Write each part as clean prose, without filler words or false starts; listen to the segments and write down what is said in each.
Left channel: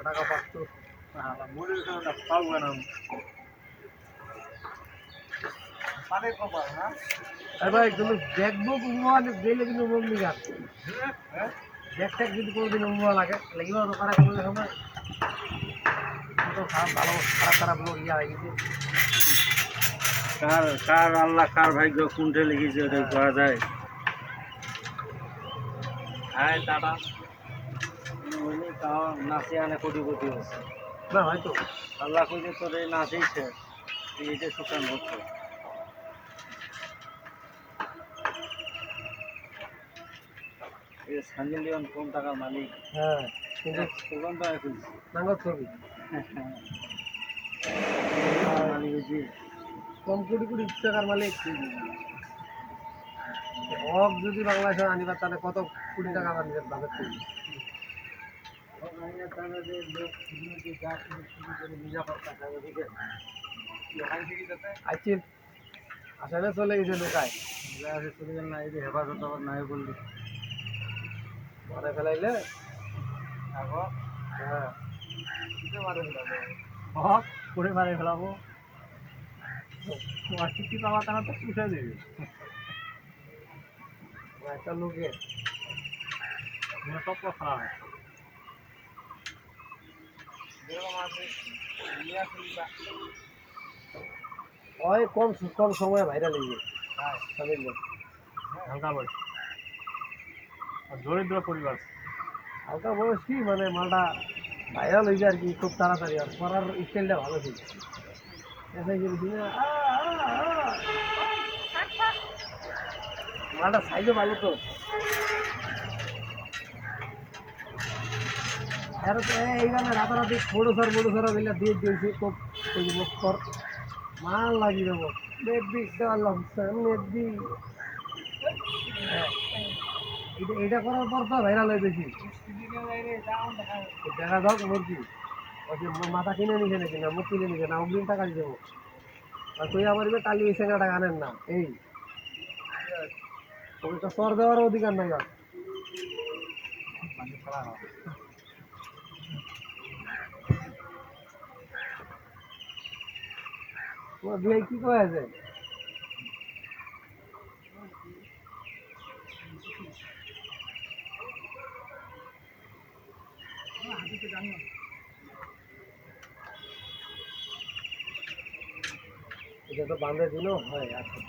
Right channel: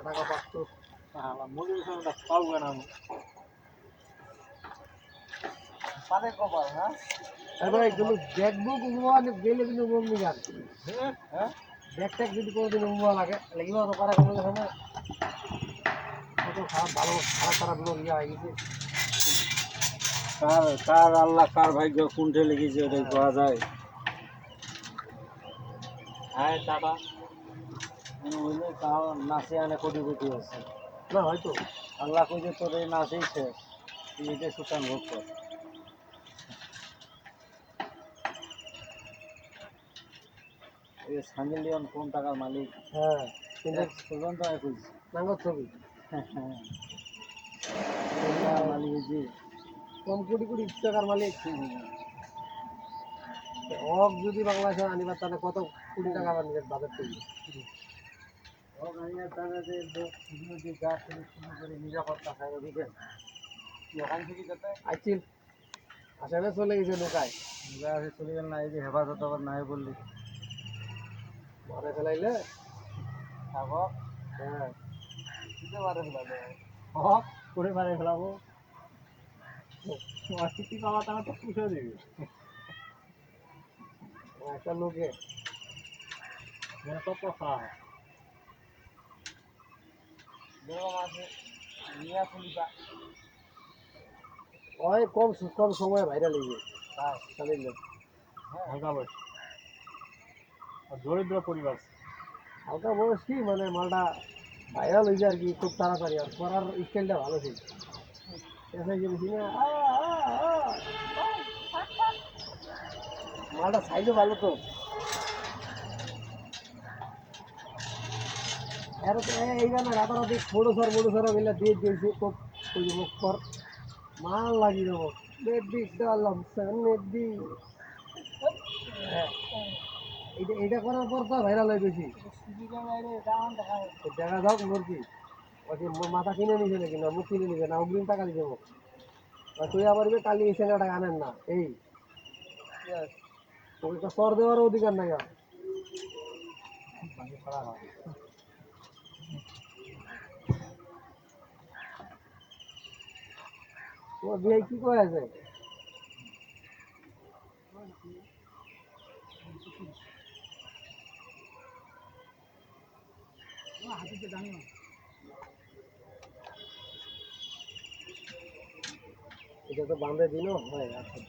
টাকা পাচ্ছ মরির পাবো না পানের কপাল হ্যাঁ আরে ভাই তুমি দেখবো মোবাইলে দিলে কিন্তু মগ্নি যাচ্ছে হ্যাঁ দেখতে যদি কোনোদিন মোবাইল লাগে লাগিব তো পারে কোনো সময় কত খারাপ ভালো খারাপ খারাপ লোক ইয়া আইছে কার কার আল্লাহ কার ভাগ্য কোনটা লিখেছে ওটা পাওয়া যায় হ্যাঁ টাটা ওইলে তাও নাচে আনে কোটি আছে না হয়তো আল্লাহ কইছে তোর এই নাচেই শেষ এইটা সুতান হচ্ছে এই সাঞ্জেল লিওন কোন টাকার মালিক হ্যাঁ কিন্তু সুগন্ধ এখন নাঙ্গল ছবি মালিক হচ্ছে কোন কোটি টাকার মালিক হক যদি বাংলাদেশে আনিবার তাহলে কত কোটি টাকা আমাদের বাজেট করবে আসামে চলে গেছে লোকায় চলে গেল না এই যে হেফাজত আবার নাই বললি মারে ফেলাইলে হ্যাঁ করে মারে ফেলাবো তোমার চিঠি পাওয়া তারা তো পুষে দেবে একটা লোকের সব কথা ওই কোন সময় ভাইরাল হয়ে হালকা বয়স দরিদ্র পরিবার হালকা বয়স কি মানে মালটা ভাইরাল হয়েছে আর কি খুব তাড়াতাড়ি আর করার স্টাইলটা ভালো ছিল মালটা সাইজও ভালো তো এইখানে রাতারাতি বড় সরা মিলে দিয়ে দিয়েছে খুব মাল লাগিয়ে দেবো এটা করার পর তো ভাইরাল হয়ে বেশি দেখা যাক মুরগি ওই যে মাথা কিনে নিছে নাকি না মুখ কিনে নিছে না অগ্রিম টাকা দিয়ে দেবো আর তুই আবার কালি ওই সেঙ্গাটা আনেন না এই ওই তো সর দেওয়ার অধিকার নাই আর তোমার বিয়ে কি কয় আছে এটা তো বাঁধে দিলেও হয় আজকে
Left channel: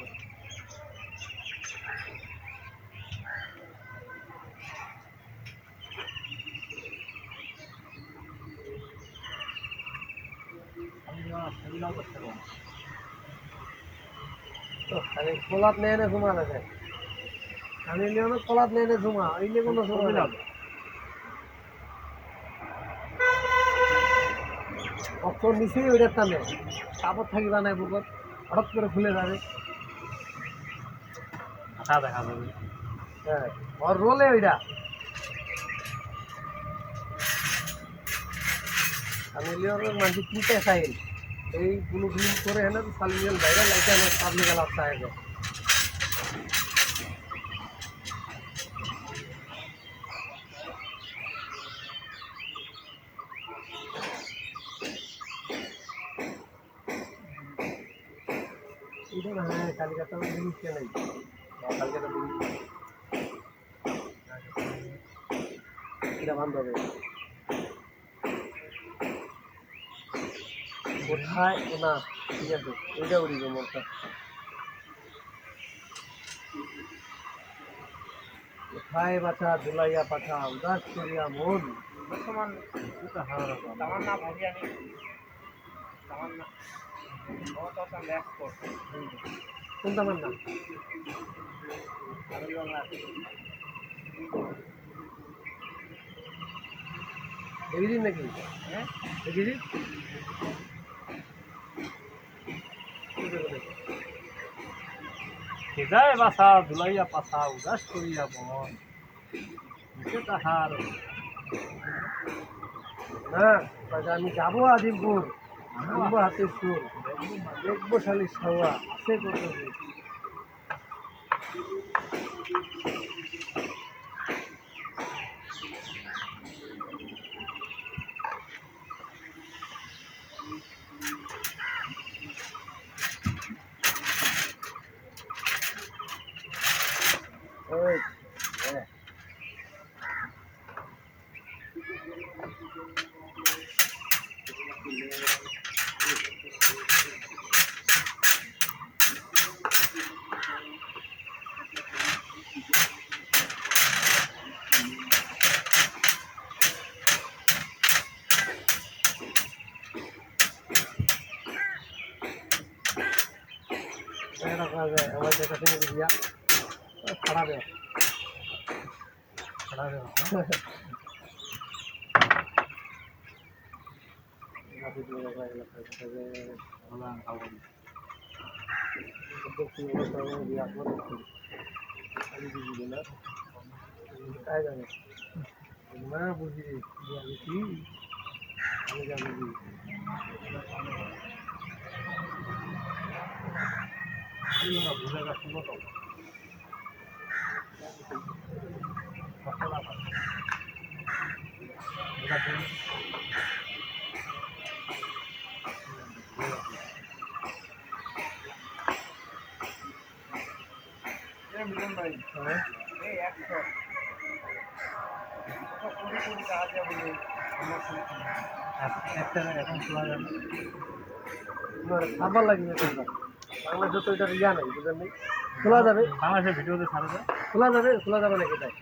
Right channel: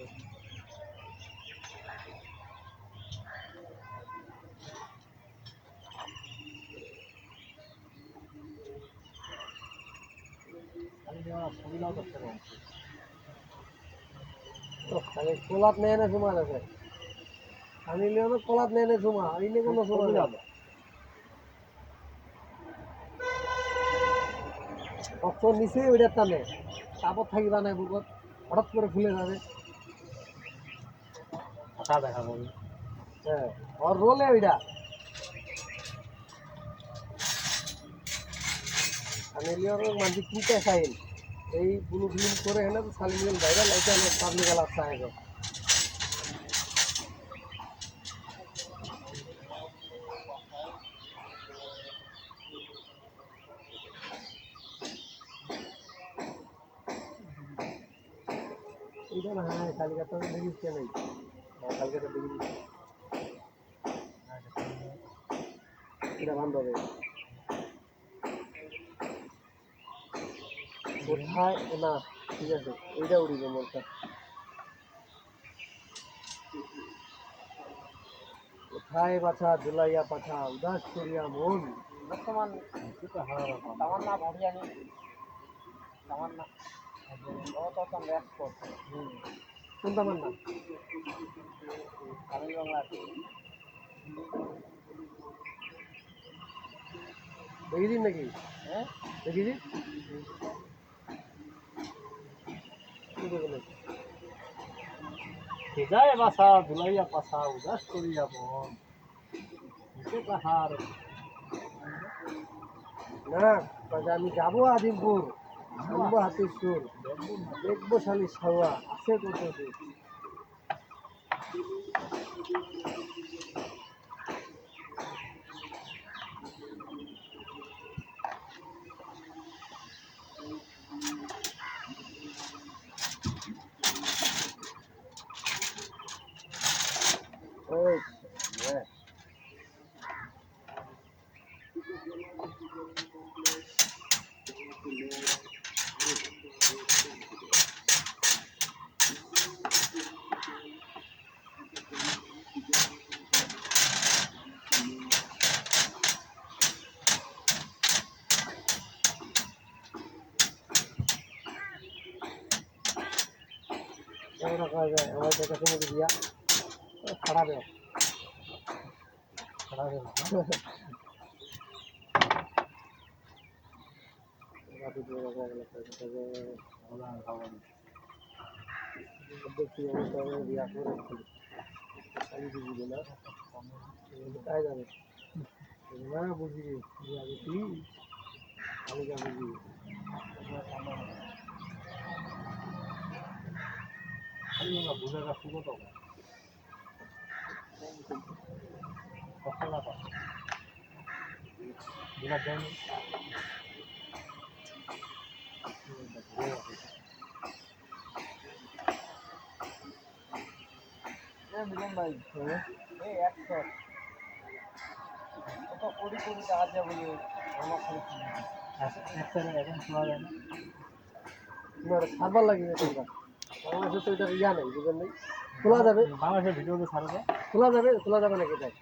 খালি কোলাত নেয় না জমা থাকে আমি লিওনো কোলাত নেয় না জমা এই নিয়ে কোনো জমা যাবে অক্ষর নিচে ওইটার টানে কাপড় থাকিবা নাই বুকর হঠাৎ করে খুলে যাবে আশা দেখা যাবে হ্যাঁ আর রোলে ওইটা আমি লিওনোর মানুষ পুঁতে খাই এই ব্লু ফিল্ম করে হেন সালিমিয়াল ভাইরাল এটা পাবলিক আলাদা আগে itu nah kali kata Indonesia lagi kali kata tidak bantah ya কোথায় না ঠিক আছে ওইটা উড়ে যাবো ওটা কোথায় বাছা ধুলাইয়া পাঠা উদাস করিয়া মন তামান্না ভাবিয়ানি তামান্না কোন তামান্না এগিয়ে নাকি হ্যাঁ এগিয়ে হৃদয় বাসা ধুলাইয়া পাশা উদাস করিয়া মন তাহার না আমি যাবো আজিমপুর আনবো হাতে সুর দেখবো শালি সাওয়া আছে কত रखा जाए हमारे देखा से नहीं दिया खराब है ना बुझी भूलेगा सुनो तो मिलन भाई এই 100 কত কোটি কোটি টাকা দিয়ে বলি আমার খালি একটা এখন খোলা যাবে না সাবার লাগে না বাংলা যত এটা ইয়া নাই বুঝলেন নি খোলা যাবে বাংলাদেশের ভিডিওতে ছাড়া যায় খোলা যাবে নাকি তাই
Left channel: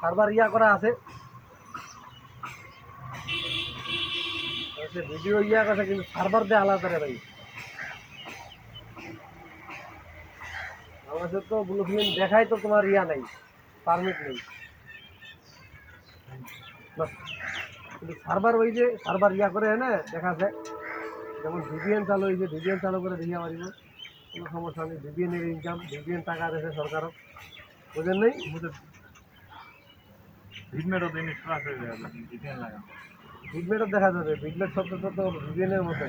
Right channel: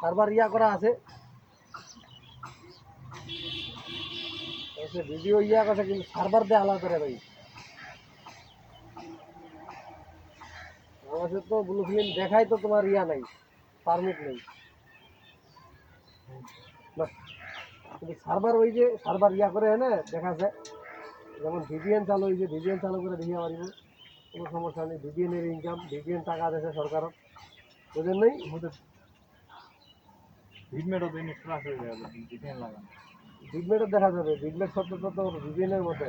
সার্ভার ইয়া করা আছে ভিডিও ইয়া কথা কিন্তু সার্ভার দিয়ে আলাদা রে ভাই আমাদের তো ব্লু ফিল্ম দেখাই তো তোমার ইয়া নাই পারমিট নেই না কিন্তু সার্ভার ওই যে সার্ভার ইয়া করে না দেখা যায় যেমন ভিপিএন চালু হয়েছে ভিপিএন চালু করে দিয়ে পারিব কোনো সমস্যা নেই ভিপিএনের ইনকাম ভিপিএন টাকা দেশে সরকারও বুঝেন নেই ভিডমেটও দেয় ভিপিএন লাগা ভিডমেটও দেখা যাবে ভিডমেট শব্দ তো ভিপিএনের মধ্যে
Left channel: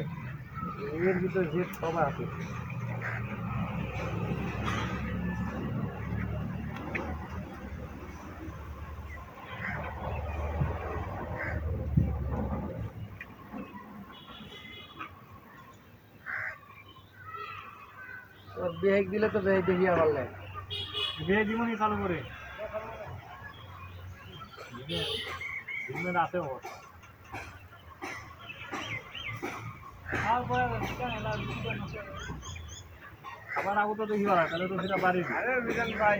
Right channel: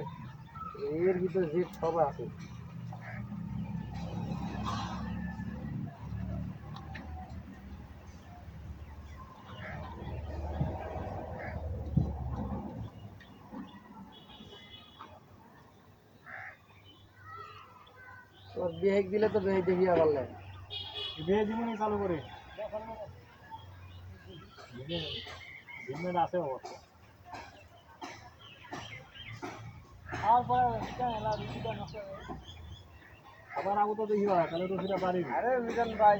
এর ভিতরে যে সবাই আছে বেহেক দিলে তো বেহেক দেখিয়ে আমার লাগে বিয়ে জীবনই চালু করে আছে অবস্থা আমার আগে তো দেখি তাহলে তো সেটা পারি আরে মিজান ভাই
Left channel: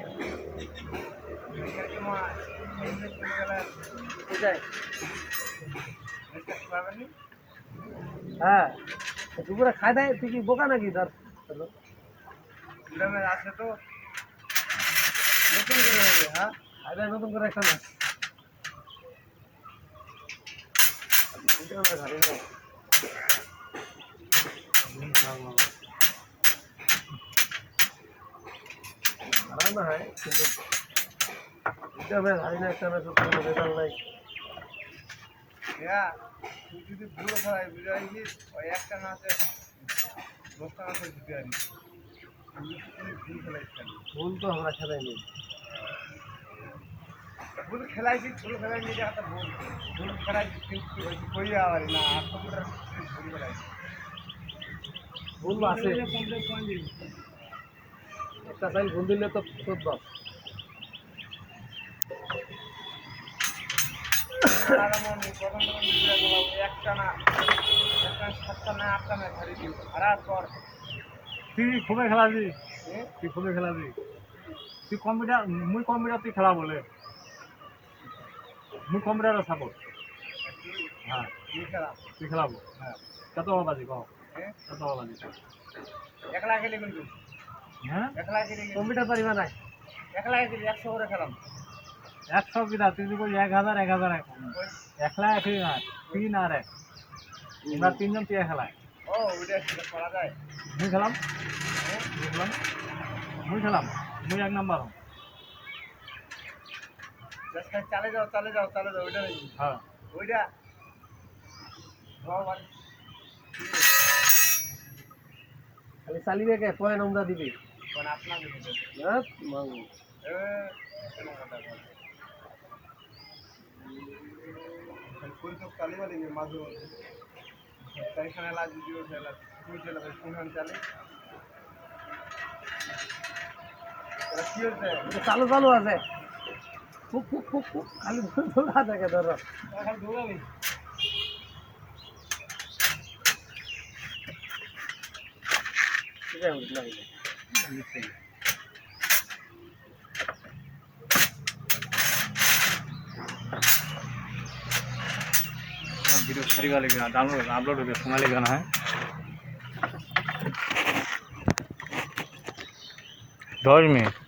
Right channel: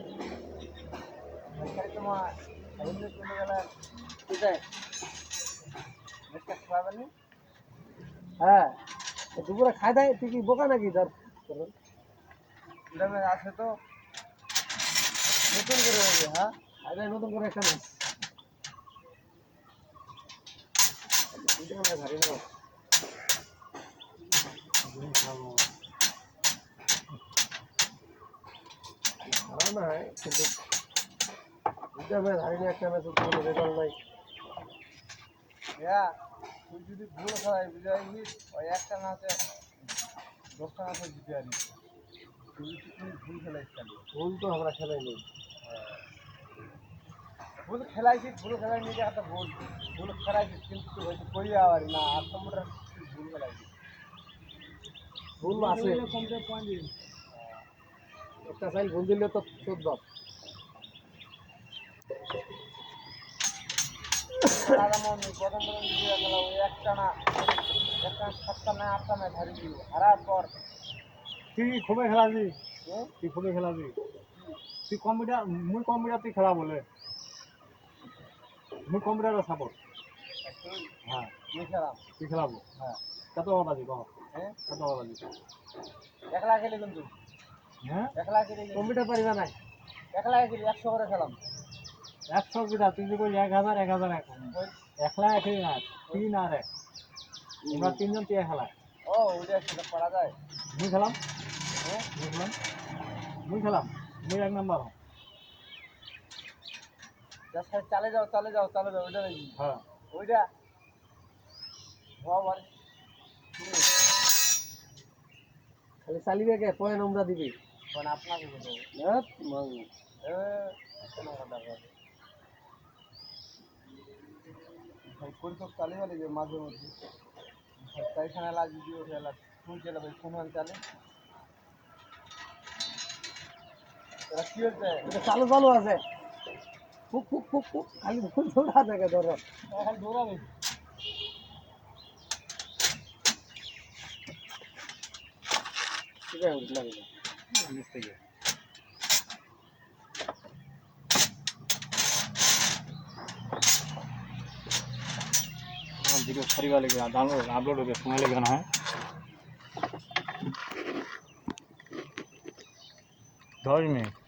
হ্যাঁ দুপুরে খাই দেয় তুই কি বোকা নাকি তার আছে তো নতুন করে হয়েছে হ্যাঁ আরে নতুন করে একটা মাছ খারাপ না হয় কিন্তু ভাই না একটা মাছ নাই তুই যদি ভুল খাই বুঝাইবি ওই একটা মাছে 10টা মাছের জিতে আনি ভুল তো আমরা খেলাইনি ভুল খেলাইছি ভুল খেলাইনি একটা ভুল ভুল খেলাইছি কিন্তু কই আবার না 8 নম্বরের ভুল খেলাইছি ভুল আছে একটা সাইল ভুল দিলে তো 14 দাদামনি প্রথম একটা না 7টা না 8টা না ধরে দিই হারার পর তুই খুবই খেলাবি তুই খুবই খেলাবি তুই কম্পিউটার মুই কম্পিউটার তুই খেলা বলে মুই কম্পিউটার সাপোর্ট হ্যাঁ তুই খেলাবো হ্যাঁ কত বাজি কও কত বাজি একলা খেলে কিন্তু হ্যাঁ একলা খেলে কম্পিউটার পারিবা না একলা খেলে 100 করে খেলাম 100 কিনা তুই কই 1000 1000 একলা খেলি না 3 আর 1 আমরা তিনজন কে খেলায় ও ওইটা সেটা করা যায় মুই খেলাম বুঝলাম মুই খেলাম মুই 1 নাম্বার চালে যাও ওইটা নাকি হ্যাঁ ওইটা খালি চালিবে কে পয় নম্বর দিবি কোন আপনাকে দিবে না মাঙ্গু কোন তো চালিবা দিবে মাঝে তাইখানে লাজ দিও সেটা ফুল চলে ফোন চালে এটা চালু চালু আছে খুব খুব খুব খুব খালি দৌড়া থাকে ধরো वीडियो सारी वाली डाउनलोड अपलोड हो गया सोनाली गाना है 10 मिनट